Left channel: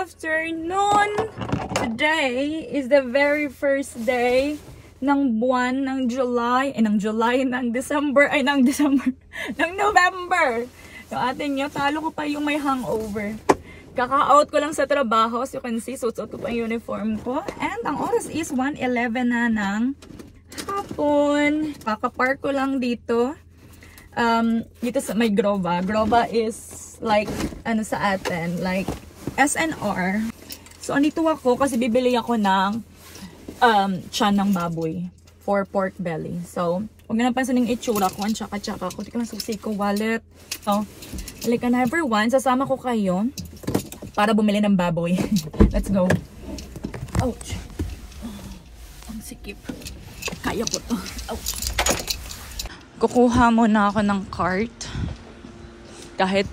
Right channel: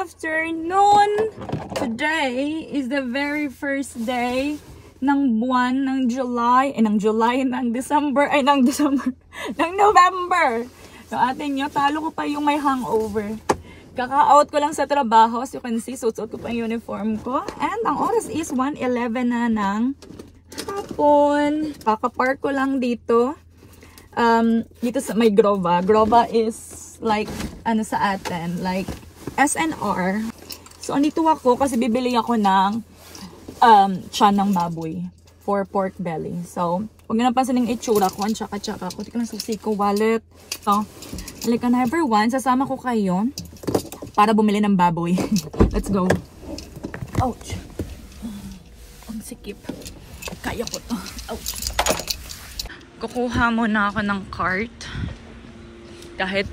afternoon! Today is the very first day ng buwan ng July, ng November. Yung ating yung talo ko pa yung may hangover. Kaka-out ko lang sa trabaho. As you can see, suot ko pa yung uniform ko. And ang oras is 1:11 na ng hapon. Kaka-park ko lang dito. Dito sa may Grova. Grova is like, ano sa atin, like SNR. So, andito ako kasi bibili ako ng tiyan ng baboy for pork belly. So, huwag nyo napansin yung itsura ko. Tsaka-tsaka ko. Di ko lang susi ko wallet. So, halika na everyone. Sasama ko kayo para bumili ng baboy. Let's go. Ouch. Ang sikip. Kaya ko to. Ouch. Kukuha muna ako ng cart. Kahit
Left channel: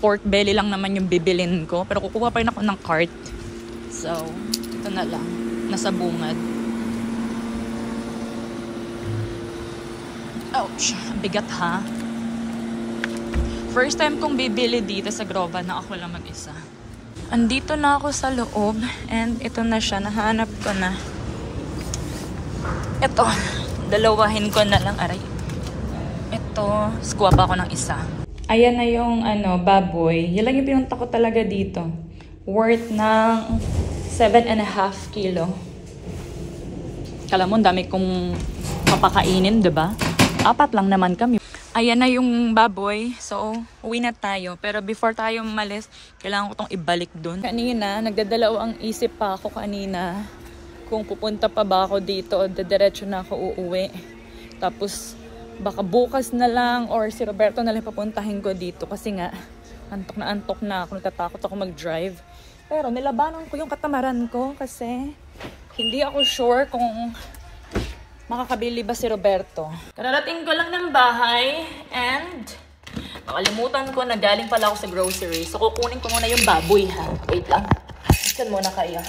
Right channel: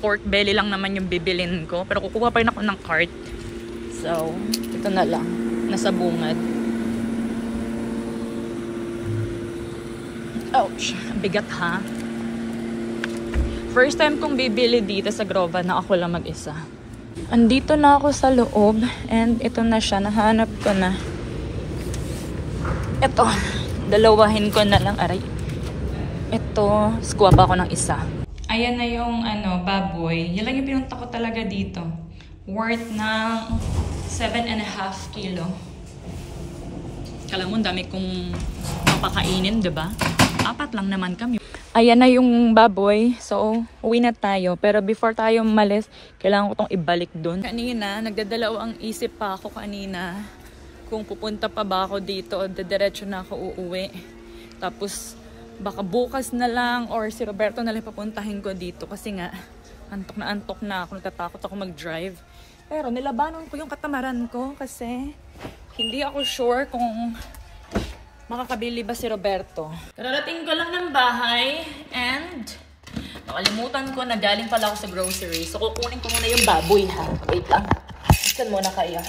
pork belly lang naman yung bibilin ko. Pero kukuha pa rin ako ng cart. So, ito na lang. Nasa bungad. Ouch. Bigat ha. First time kong bibili dito sa Grova na ako lang mag-isa. Andito na ako sa loob. And ito na siya. Nahanap ko na. Ito. Dalawahin ko na lang. Aray. Ito. Skuha pa ako ng isa. Ayan na yung baboy. Yan lang yung pinunta ko talaga dito. Worth ng 7.5 kilo. Kala mo, dami kong mapakainin, diba? 4 lang naman kami. Ayan na yung baboy. So, uwi na tayo. Pero before tayo umalis, kailangan ko itong ibalik dun. Kanina, nagdadalawang isip pa ako kanina kung pupunta pa ba ako dito o diretso na ako uuwi. Tapos, baka bukas na lang or si Roberto na lang papuntahin ko dito kasi nga antok na ako, natatakot ako mag-drive. Pero nilabanan ko yung katamaran ko kasi hindi ako sure kung makakabili ba si Roberto. Kararating ko lang ng bahay and nakalimutan ko na galing pala ako sa grocery. So kukunin ko muna yung baboy ha. Wait lang. Saan muna kayo?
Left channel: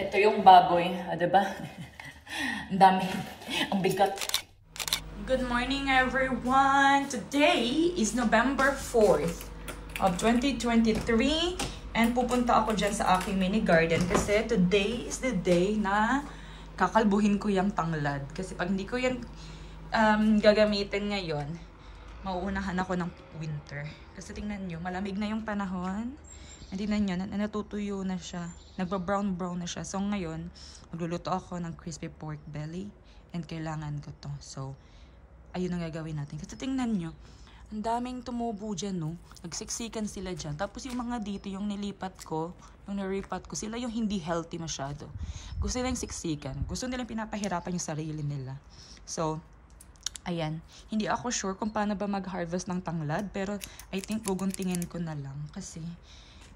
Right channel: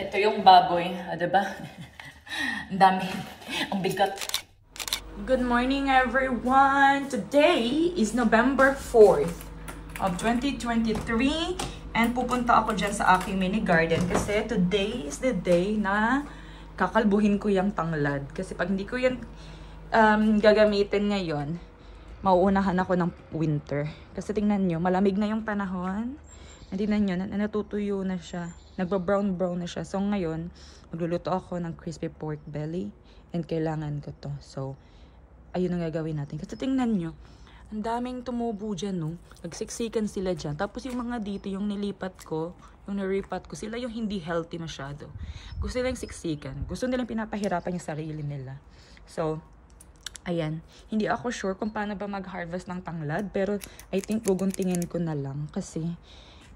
Ito yung baboy, diba? Ang dami. Ang bigat. Good morning, everyone! Today is November 4th of 2023 and pupunta ako dyan sa aking mini garden kasi today is the day na kakalbuhin ko yung tanglad. Kasi pag hindi ko yan gagamitin ngayon, mauunahan ako ng winter. Kasi tingnan nyo, malamig na yung panahon. Tingnan nyo, natutuyo na siya. Nagba-brown-brown na siya. So, ngayon, magluluto ako ng crispy pork belly. And kailangan ko to. So, ayun ang gagawin natin. Kasi tingnan nyo, ang daming tumubo dyan, no? Nagsiksikan sila dyan. Tapos yung mga dito, yung nilipat ko, yung naripat ko, sila yung hindi healthy masyado. Gusto nilang siksikan. Gusto nilang pinapahirapan yung sarili nila. So, ayan. Hindi ako sure kung paano ba mag-harvest ng tanglad. Pero, I think guguntingin ko na lang. Kasi,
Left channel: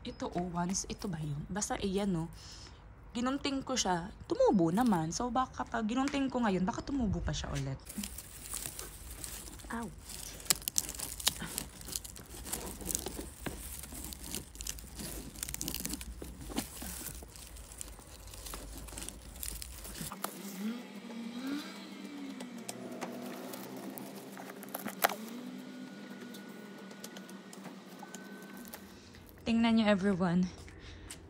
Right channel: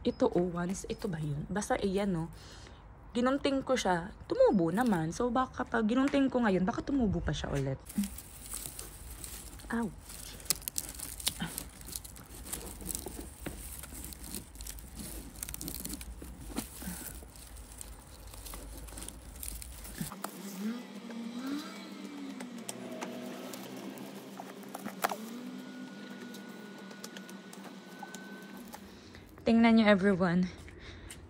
ito once, ito ba yun? Basta iyan no, ginunting ko siya, tumubo naman. So baka pag ginunting ko ngayon, baka tumubo pa siya ulit. Ow. Tingnan nyo everyone.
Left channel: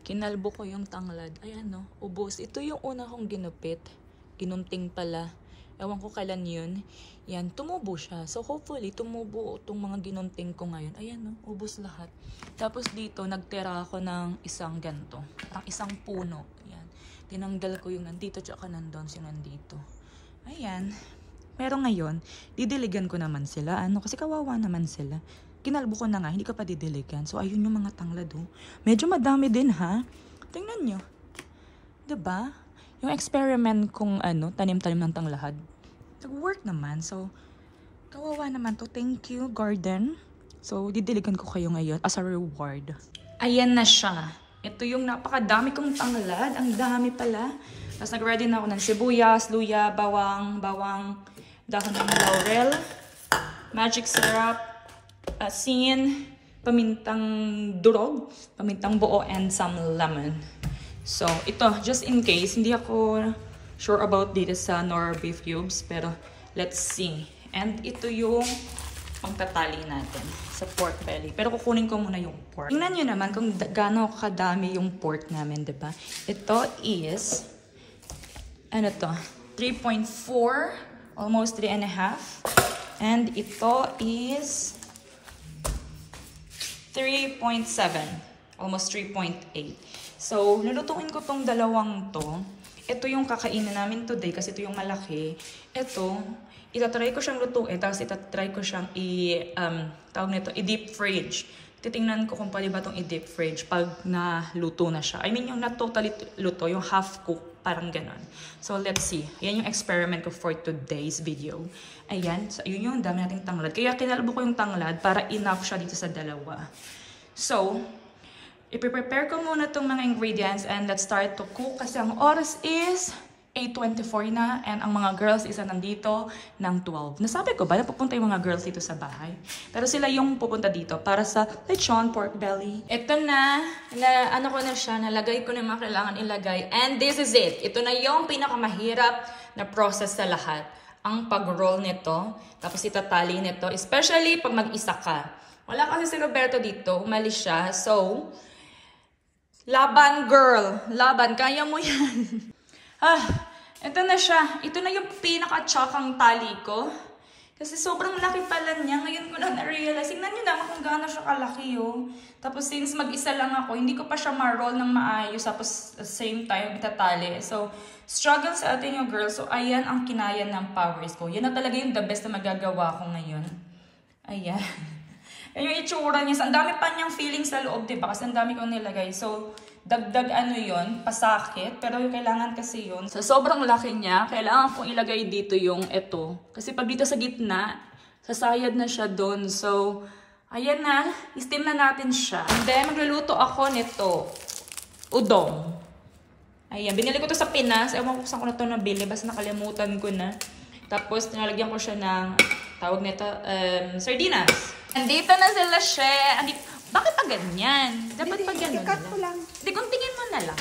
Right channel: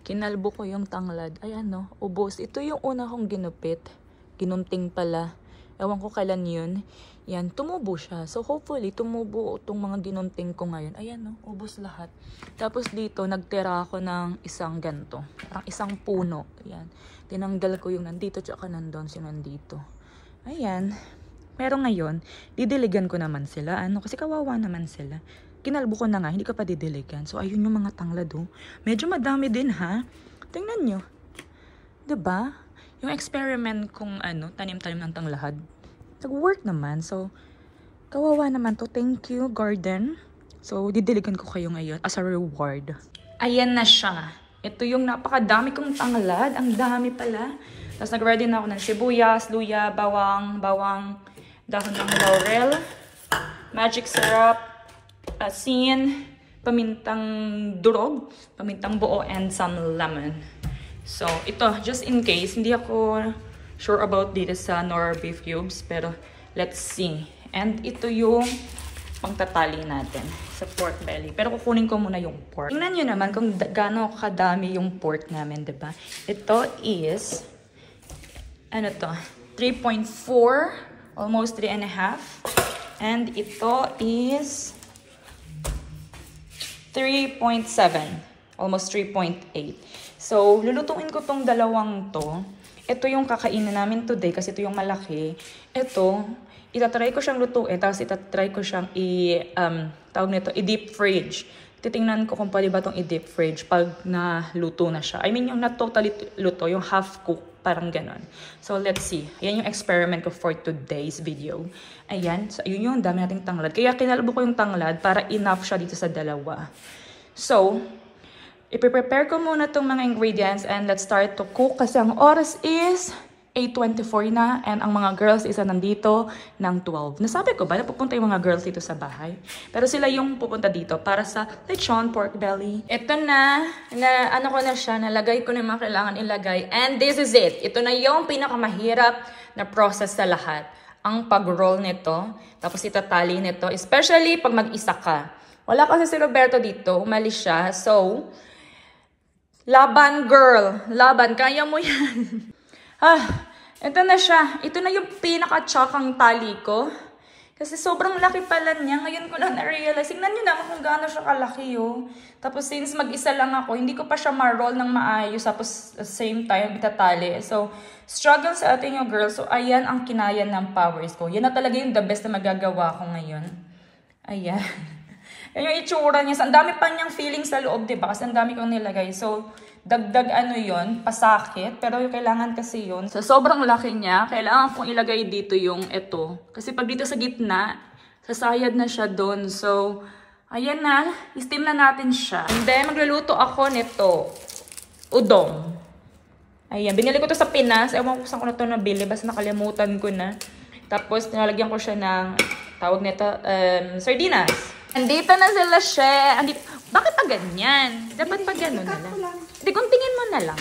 Kinalbo ko yung tanglad. Ayan no, ubos. Ito yung una kong ginupit. Ginunting pala. Ewan ko kailan yun. Yan, tumubo siya. So hopefully, tumubo itong mga ginunting ko ngayon. Ayan no, ubos lahat. Tapos dito, nagtira ako ng isang ganto. Parang isang puno. Ayan. Tinanggal ko yung nandito tsaka nandun si nandito. Ayan. Pero ngayon, didiligan ko naman sila. Ano? Kasi kawawa naman sila. Kinalbo ko na nga, hindi ko pa didiligan. So, ayun yung mga tanglad, oh. Medyo madami din, ha? Tingnan nyo. Diba? Yung experiment kung tanim-tanim ng tanglad. Nag-work naman. So, kawawa naman to. Thank you, garden. So, didiligan ko kayo ngayon as a reward. Ayan na siya. Ito yung napakadami kong tanglad. Ang dami pala. Tapos, nag-ready na ako ng sibuyas, luya, bawang, dahon ng laurel, magic syrup, asin, pamintang durog, pamintang buo, and some lemon. So, ito, just in case, hindi ako sure about dito sa Nor beef cubes, pero let's see. And ito yung pangtatali natin sa pork belly. Pero kukunin ko muna yung pork. Tingnan nyo naman kung gaano kadami yung pork namin, diba? Ito is, ano to? 3.4, almost 3.5. And ito is 3.7, almost 3.8. So, lulutuin ko tong dalawang to. Ito yung kakainin namin today kasi ito yung malaki. Ito, itatry ko siyang lutuin, tapos itatry ko siyang i-deep fridge. Titingnan ko kung pwede ba itong i-deep fridge pag naluto na siya. I mean, yung not totally luto, yung half cook, parang ganon. So, let's see. Yan yung experiment ko for today's video. Ayan, so yun yung dami nating tanglad. Kaya kinalbo ko yung tanglad para enough siya dito sa dalawa. So, ipiprepare ko muna itong mga ingredients and let's start to cook kasi ang oras is 8:24 na and ang mga girls isa nandito ng 12. Nasabi ko ba na pupunta yung mga girls dito sa bahay? Pero sila yung pupunta dito para sa lechon pork belly. Ito na ano ko na siya, nalagay ko na yung mga kailangan ilagay. And this is it. Ito na yung pinakamahirap na process sa lahat. Ang pag-roll nito, tapos itatali nito, especially pag mag-isa ka. Wala kasi si Roberto dito, umalis siya. So, laban girl, laban, kaya mo yan. Ito na siya. Ito na yung pinaka-chakang tali ko. Kasi sobrang laki pala niya. Ngayon ko lang na-realize. Tingnan niyo naman kung gaano siya kalaki, oh. Tapos since mag-isa lang ako, hindi ko pa siya ma-roll ng maayos. Tapos at the same time, itatali. So, struggle sa atin yung girl. So, ayan ang kinaya ng powers ko. Yan na talaga yung the best na magagawa ko ngayon. Ayan. Yan yung itsura niya. Ang dami pa niyang feeling sa loob, diba? Kasi ang dami kong nilagay. So, dagdag ano yun, pasakit. Pero yung kailangan kasi yun. So, sobrang laki niya. Kailangan kong ilagay dito yung ito. Kasi pag dito sa gitna, sasayad na siya doon. So, ayan na. I-steam na natin siya. And then, magluluto ako nito. Udong. Ayan. Binili ko to sa Pinas. Ewan ko saan ko na to nabili. Basta nakalimutan ko na. Tapos, nilalagyan ko siya ng, tawag nito, sardinas. Andito na sila, she. Bakit pa ganyan? Dapat pa gano'n na lang. Hindi, guntingin mo na lang.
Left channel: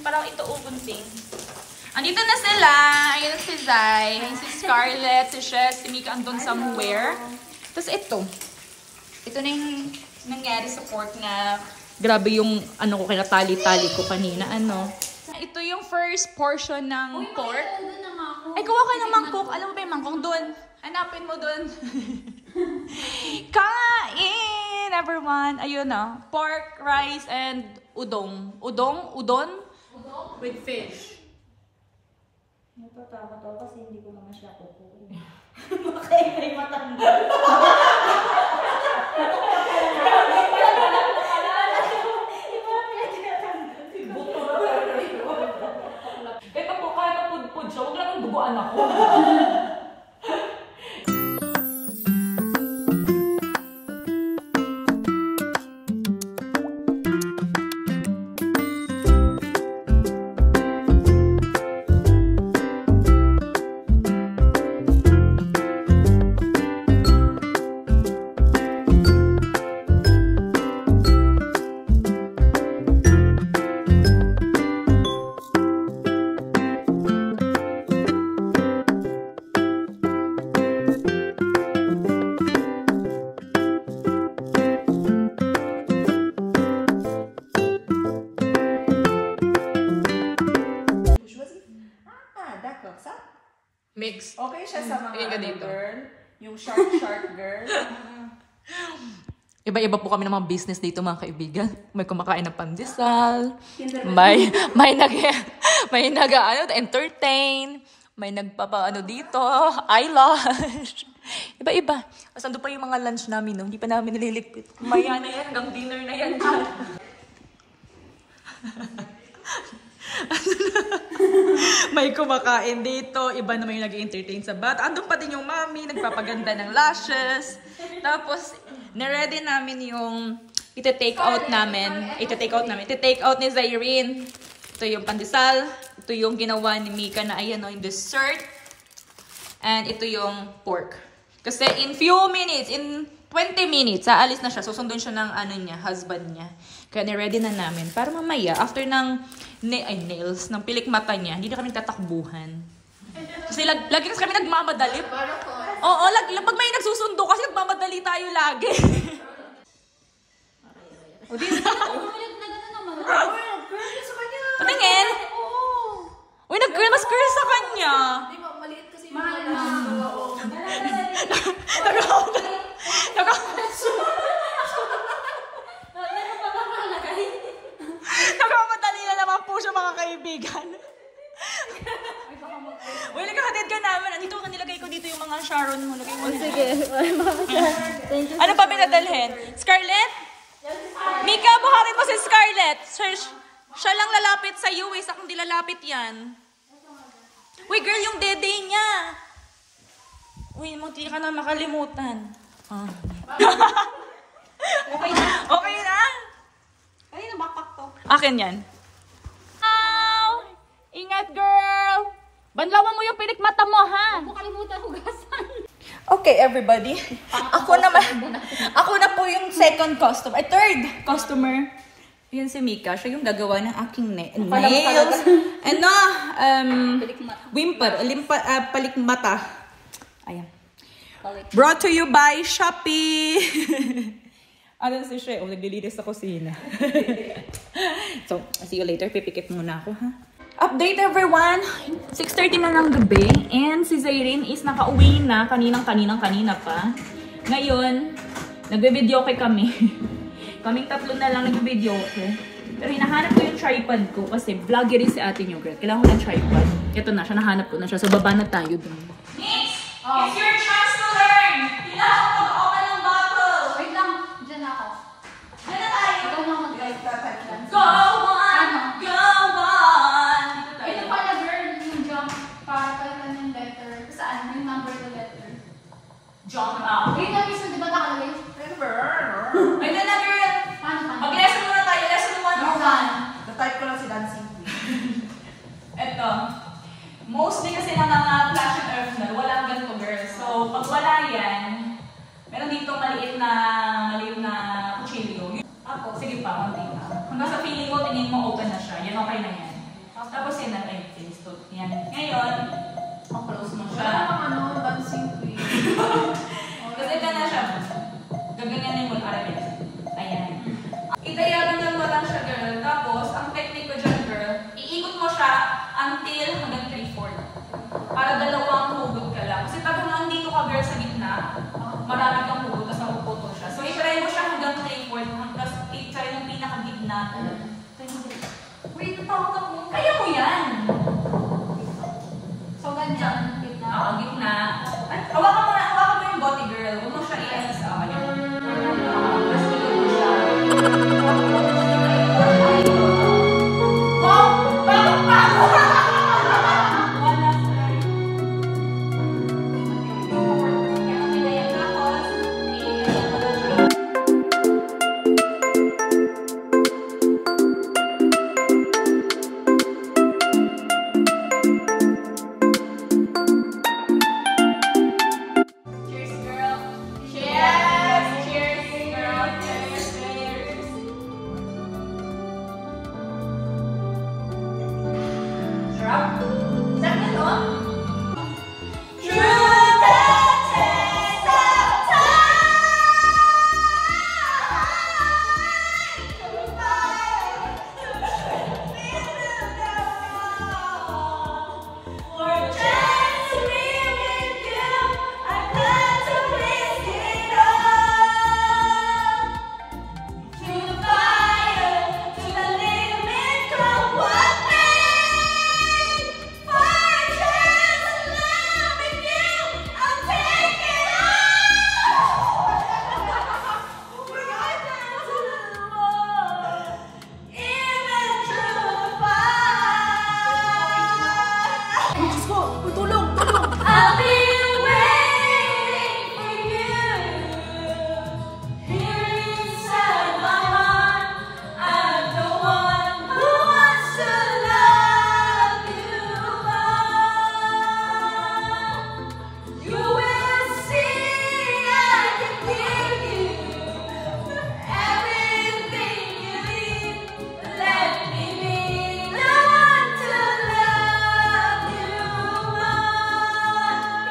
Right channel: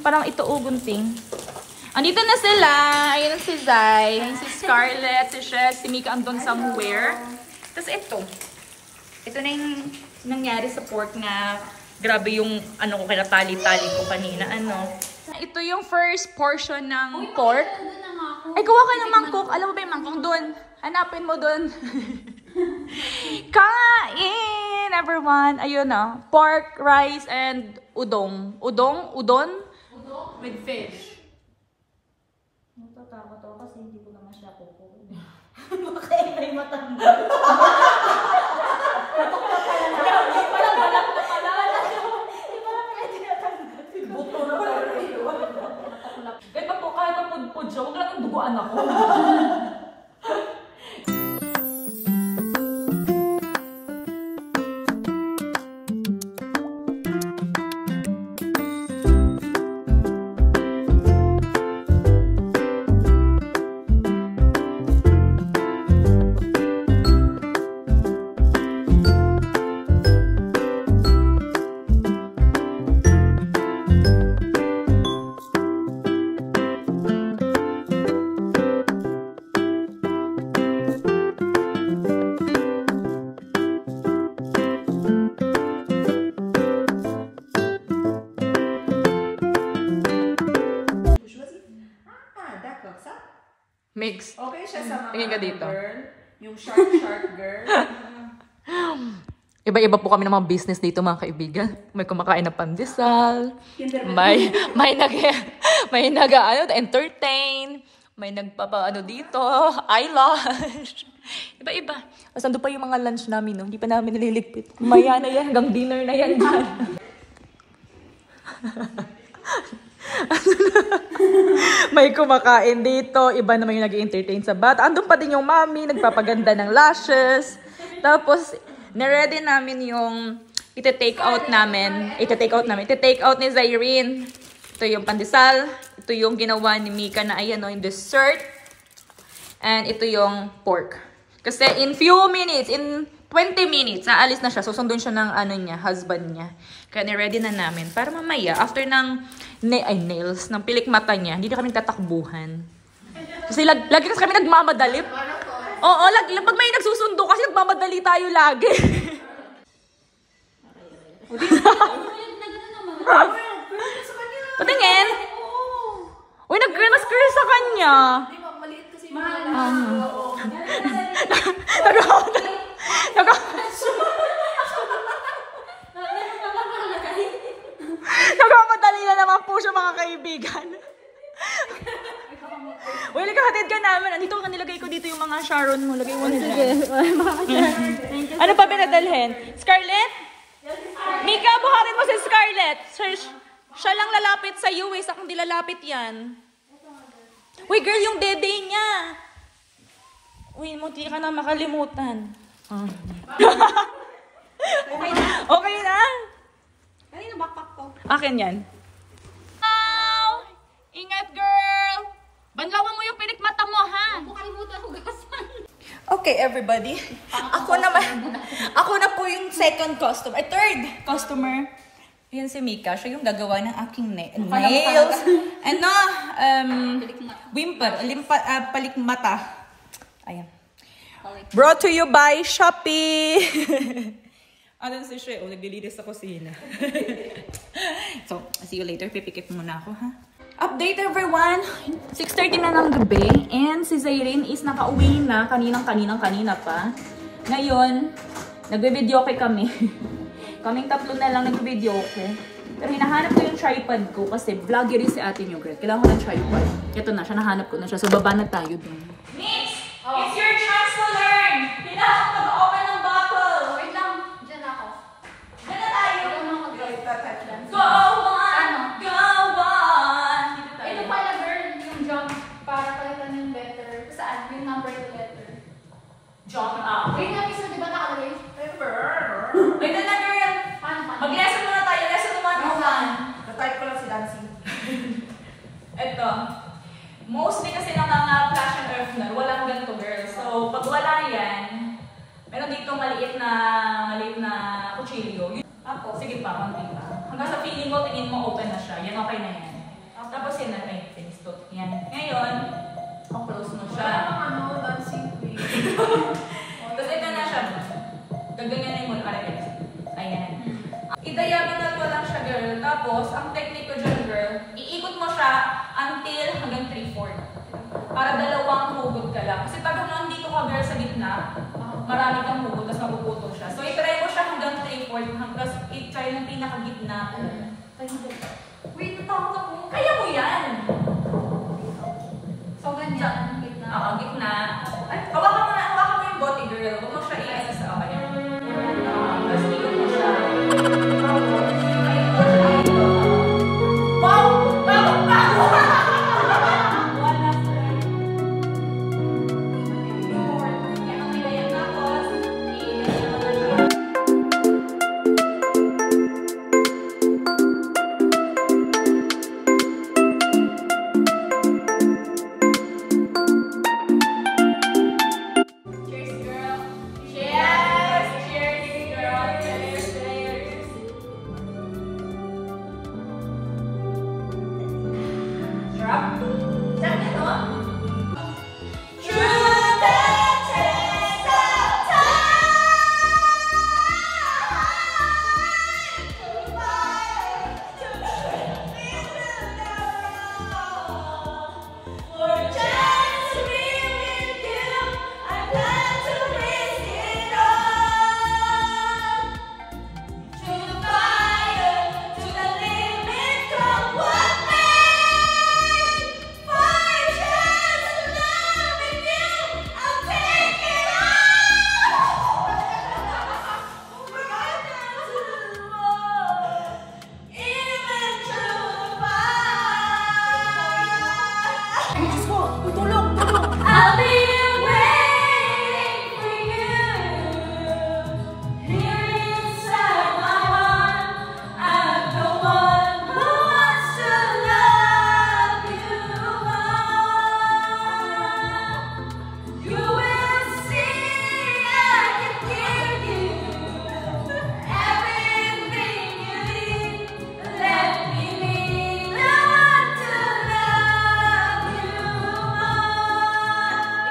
Parang ito gunting. Andito na sila. Ayun si Zai. Ayun si Scarlett, si Shes, si Mika andun somewhere. Tapos ito. Ito na yung nangyari sa pork na grabe yung ano ko kinatali-tali ko kanina. Ano? Ito yung first portion ng pork. Ay, kuha ka ng mangkok. Alam mo ba yung mangkok doon? Hanapin mo doon. Kain, everyone. Ayun na. Pork, rice, and udong. Udon? Udon? With fish. Natatakot ako kasi hindi ko naman siya kukuin. Bakit may matanggal? Natukla ka lang. Parang balak ko pala. Di ba kaya tinatanggal? Buto na pala dito. Kahit pag po kaya pagpudpud siya, huwag lang yung duguan ako. Mix. Okay siya sa mga dito. girl. Yung sharp girl. Iba-iba po kami ng mga business dito, mga kaibigan. May kumakain ng pandesal, may entertain, may nagpapa dito, eyelash. Iba-iba. Tapos ando pa yung mga lunch namin, no? Hindi pa namin nililigpit. Maya na yan, hanggang dinner na yan. May kumakain dito, iba naman yung nag-entertain sa bata. Andun pa din yung mommy, nagpapaganda ng lashes. Tapos, na-ready namin yung iti-take out ni Zairine. Ito yung pandesal. Ito yung ginawa ni Mika na ayan o, yung dessert. And ito yung pork. Kasi in few minutes, in 20 minutes, aalis na siya. Susundon siya ng husband niya. Kaya ni-ready na namin. Para mamaya, after ng nails, ng pilik mata niya, hindi na kami tatakbuhan. Kasi lagi kasi kami nagmamadali. Oo, pag may nagsusundo kasi nagmamadali tayo lagi. O, di na. Patingin. Uy, nag-curl sa kanya. Maliit kasi mahal. Nagmamadali na naman po siya, mga kaibigan. Uy, nagkahatid ka namin. Andito ka nilagay ko dito yung mga Sharon mo. Lagay mo na dyan. Ano pa pinadalhin? Scarlett? Mika, buharin mo si Scarlett. Siya lang lalapit sa iyo eh. Sa kung di lalapit yan. Uy, girl, yung dede niya. Uy, munti ka na makalimutan. Okay na? Kanina backpack to. Akin yan. Ingat, girl! Banlawan mo yung pinikmata mo, ha? Makalimutan hugasan. Okay, everybody. Ako na po yung second customer. Third customer. Yan si Mika. Siya yung gagawa ng aking nails. Ano? Whimper. Palikmata. Ayan. Brought to you by Shopee. Ano si siya? Naglilinis sa kusina. So, see you later. Pipikit muna ako, ha? Update everyone! 6:30 na ng gabi and si Zayrene is nakauwi na kanina pa. Ngayon, nagbe-video kami. Kaming tatlo na lang nagbe-video Pero hinahanap ko yung tripod ko kasi vlogger rin si ate niyo, girl. Kailangan ko ng tripod. Ito na siya, nahanap ko na siya. So, baba na tayo dun. Mix! It's your chance to learn! Kailangan ko mag-open ng bottle! Wait lang, dyan ako. Dyan na tayo! Ikaw na mag-guide. Go on! Go on! Ito pala, girl, yung jump para pala ng letter. Saan? Yung number to letter. Jump out. Wait lang, isa, di ba nakalagay? Wait na, girl! Paano? Mag-lesson muna tayo. Lesson 101. Nag-type ko lang si Dancy. Ito. Mostly kasi ng mga flash and earth na, walang ganito, girl. So, pag wala yan, meron dito maliit na kutsilyo. Tapos, sige pa, konti pa. Hanggang sa feeling ko, tingin mo open na siya. Yan, okay na yan. Tapos yan na, face to. Yan. Ngayon, close mo siya. dancing queen. Tapos ito na siya. Gaganyanin mo, arabes. Ayan. I-diagonal mo lang siya, girl. Tapos, ang technique ko dyan, girl, iikot mo siya until hanggang 3/4. Para dalawang hugot ka lang. Kasi pag nandito ka, girl, sa gitna, marami kang hugot, tapos napuputo siya. So, i-try mo siya hanggang 3/4, tapos i-try yung pinakagitna. Wait, natakot ako. Kaya mo yan! So, ganyan. Gitna. Oo, gitna. At hawakan mo yung bote, girl. Huwag mo siya i-ano sa kanya. Tapos ikot mo siya. Wow! Cheers, girl. Cheers! Cheers, girl. Cheers, cheers. Sarap. Sarap na to. Through the test of time, through fire, Lord, chance to be with you, I plan to risk it all. Through the fire, to the limit, come what may. For a chance to live with you, I'll take it all. Right down to the wall, even through the fire. Diyos ko! Uy, tulog! Tulog! I'll be waiting for you. Here inside my heart, I'm the one who wants to love you more. You will see I can give you everything you need. Let me be the one to love you more.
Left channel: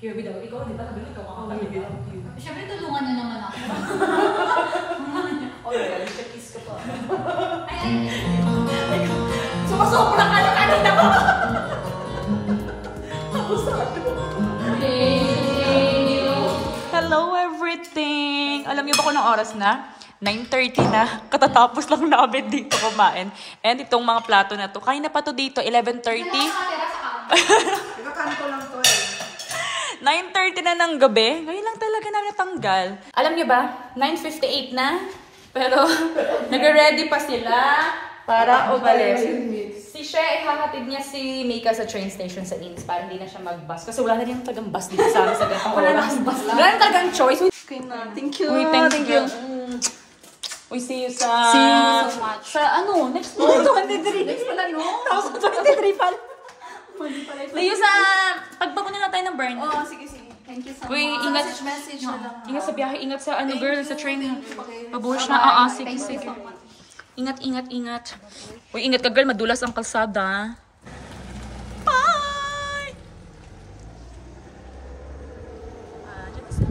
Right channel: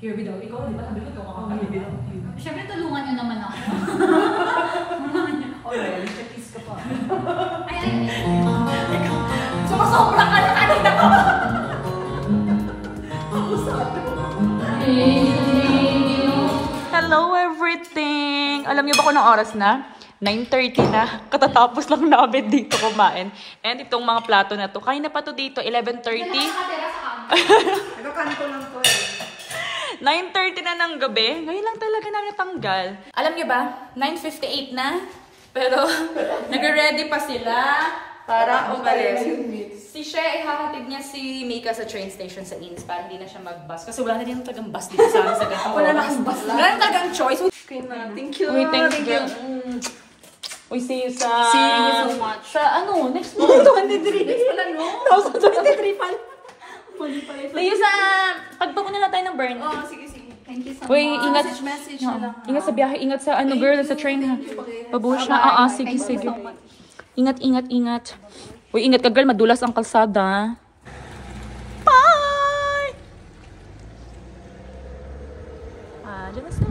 Here we go. Ikaw, di ba? Sabi mo, ikaw kakapamili. Siyempre, tulungan niyo naman ako. Okay, check-is ka pa. Ay. Sumasobra ka na kanina ko! Hello everything! Alam niyo ba kung anong oras na? 9:30 na. Katatapos lang namin dito kumain. And itong mga plato na to. Kain na pa to dito, 11:30. Nagkakanto lang to eh. 9:30 na ng gabi. Ngayon lang talaga na natanggal. Alam niyo ba? 9:58 na. Pero nagre-ready pa sila para umalis. Si Shea, ihahatid niya si Mika sa train station sa Inns para hindi na siya mag-bus. Kasi wala na rin tagang bus dito sa amin sa ganitong oras. Wala na tagang choice. Thank you. Uy, thank you. Uy, see you sa... See you so much. Sa ano? Next month, 23. Next pala, no? 23 pala. See you sa... Pagpakunin na tayo ng burn. Oh, sige. Thank you so Uy, much. ingat. Message na lang. Ingat sa biyahe, ingat sa ano girl, sa train. Pabuhos na. Sige, Thank you sige. so much. Ingat. Uy, ingat ka girl, madulas ang kalsada. Bye! Dyan na sila.